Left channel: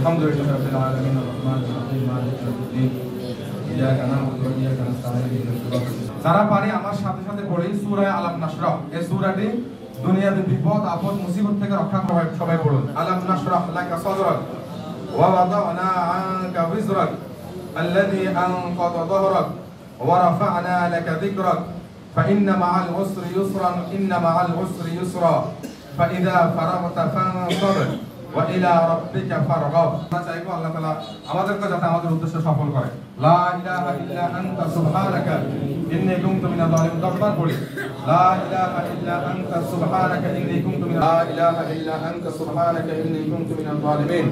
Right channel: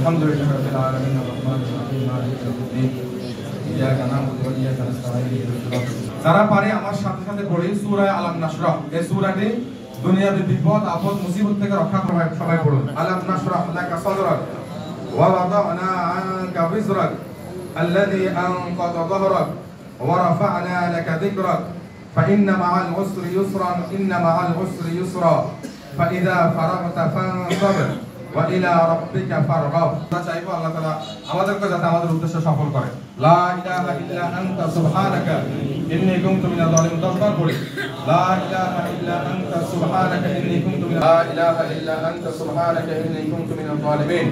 আলহামদুলিল্লাহি রাব্বিল আলামিন আর-রাহমানির রাহিম মালিকি ইয়াউমিদ্দিন ইয়াকা না'বুদু ওয়া ইয়াকা নাস্তাঈন যারা পারে আমার সাথে সাথে পড়ি সূরা আলাম নাশরাহ। এই সূরাটি দুনিয়াতে বিপদ আপদ মুসিবত থেকে রক্ষা করে। সবাই পড়ুন। আলাম নাশরাহ লাকা সাদরাক ওয়া ওয়াদা'না আনকা বিজরাক আল্লাযী আনকাযা যাহরাক ওয়া রাফা'না লাকা যিকরাক ফাইন্না মা'আল উসরি ইউসরান ইন্না মা'আল উসরি ইউসরা ফাইযা ফারাগতা ফানসাব ওয়া ইলা রাব্বিকা ফারগাব। আমরা চাইবো আল্লাহ তাআলা আমাদেরকে যাতে আমাদের উদ্দেশ্য সফল করে। লা ইলাহা ইল্লা আনতা সুবহানাকা ইন্নী কুনতু মিনাল যালিমিন। দশবার পড়ি। লা ইলাহা ইল্লা আনতা সুবহানাকা ইন্নী কুনতু মিনাল লা ইলাহা ইল্লা আনতা সুবহানাকা ইন্নী কুনতু মিনাল যালিমিন।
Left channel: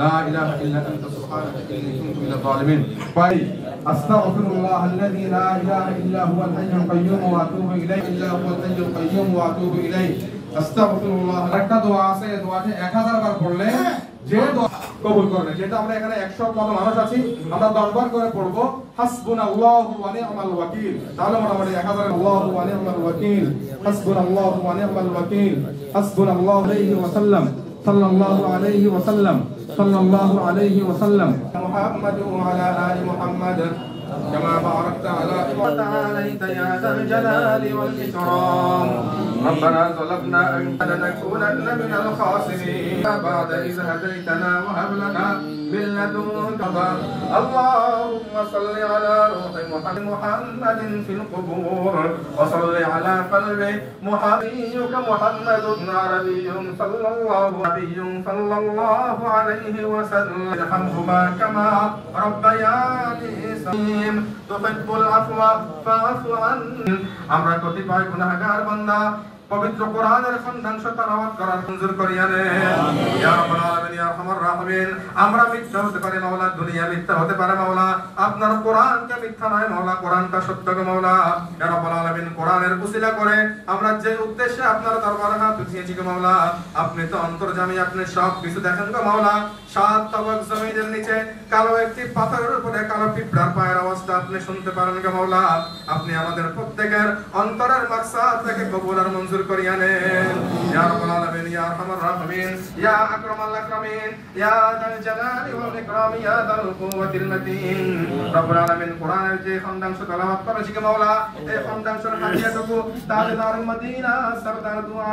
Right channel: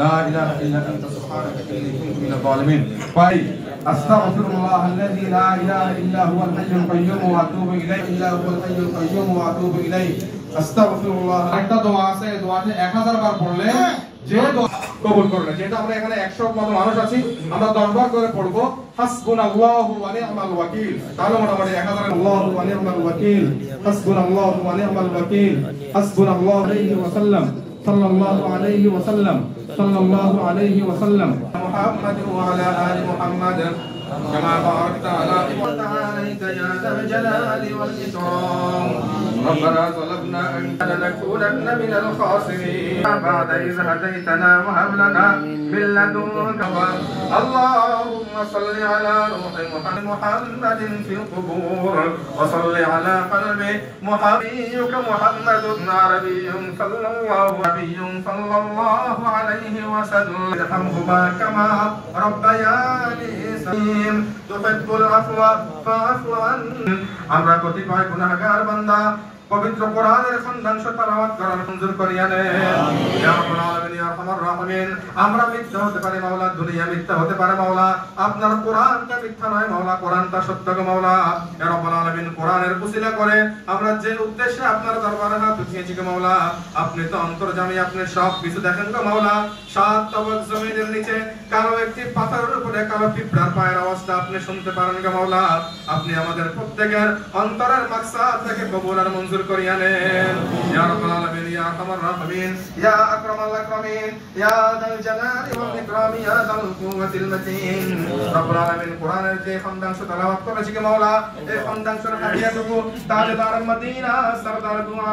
লা ইলাহা ইল্লা আনতা সুবহানাকা ইন্নী কুনতু মিনাল যালিমিন। পাই আস্তাগফিরুল্লাহ আল্লাযী লা ইলাহা ইল্লা হুয়াল হাইয়ুল কাইয়্যুম ওয়া আতুবু ইলাইহি ইল্লা হুয়াল হাইয়ুল কাইয়্যুম ওয়া আতুবু ইলাইহি। আস্তাগফিরুল্লাহ। একটা দোয়া আছে, এই দোয়াটি 1000 বার পড়লে যে দোয়া কবুল করবে। যেটা আমরা এখানে 100 মত মানুষ আছি, আমরা 10 বার করে পড়ব হাসবুনাল্লাহু ওয়া নি'মাল ওয়াকিল। তাহলে মোটামুটি 1000 আল্লাহু ওয়া নি'মাল ওয়াকিল, হাসবুনাল্লাহু ওয়া নি'মাল ওয়াকিল, হাসবুনাল্লাহু আলাইহি ওয়া সাল্লাম, সাল্লাল্লাহু আলাইহি ওয়া সাল্লাম, সাল্লাল্লাহু আলাইহি ওয়া সাল্লাম। মুহাম্মাদ ওয়া আলা আলি মুহাম্মাদ كما باركت على إبراهيم يا ذا الجلال والإكرام. ربنا ظلمنا أنفسنا لنكونن من الخاسرين بعد إذ هديتنا وهب لنا من لدنك اللهم صل على روح محمد في القبور وصل على قلب محبيك محمد عربي صلى الله عليه وسلم ارحمهما كما ربياني صغيرا تحب العفو فاعف عني. আমরা কতিপয় গুনাহগার বান্দা পবিত্র কোরআনের খণ্ডাংশ তেলাওয়াত করার মঞ্জুর করিয়া নেন। ইয়া রাব্বাল আলামিন ইয়া আরহামার রাহিমিন। আমরা মিথ্যা হতে পারি মাওলা, দুনিয়া মিথ্যা হতে পারে মাওলা, আপনার কোরআনটা মিথ্যা নয় মাওলা, কোরআনটা সত্য গো মাওলা। ইয়া রাব্বাল আলামিন কোরআনের উসিলা করে আমরা যে উদ্দেশ্যে আপনার দরবারে হাত উঠিয়েছি গো মাওলা, আপনি তো অন্তর্যামী, আপনি সব কিছু দেখেন গো মাওলা। সাত তবক জমিনের নিচে কালো একটি পাথরের উপরে কালো পিঁপড়ার পায়ের আওয়াজটা আপনি শুনতে পারেন গো মাওলা। আপনি আমাদের প্রত্যেকের অন্তরের মাকসাদ থেকে কবুল আর মঞ্জুর করিয়া নেন। ইয়া রাব্বাল আলামিন ইয়া আরহামার রাহিমিন ইয়া আকরামাল আকরামিন ইয়া যাল জালালি ওয়াল ইকরাম ইয়া যাল কুওয়াতিল মাতিন। রব্বুল আলামিন কোরআনের যে খণ্ডাংশ তেলাওয়াত করেছি গো মাওলা, এই খণ্ডাংশের হাদিয়াটুকু তাজদার মদিনা সরদার দুআ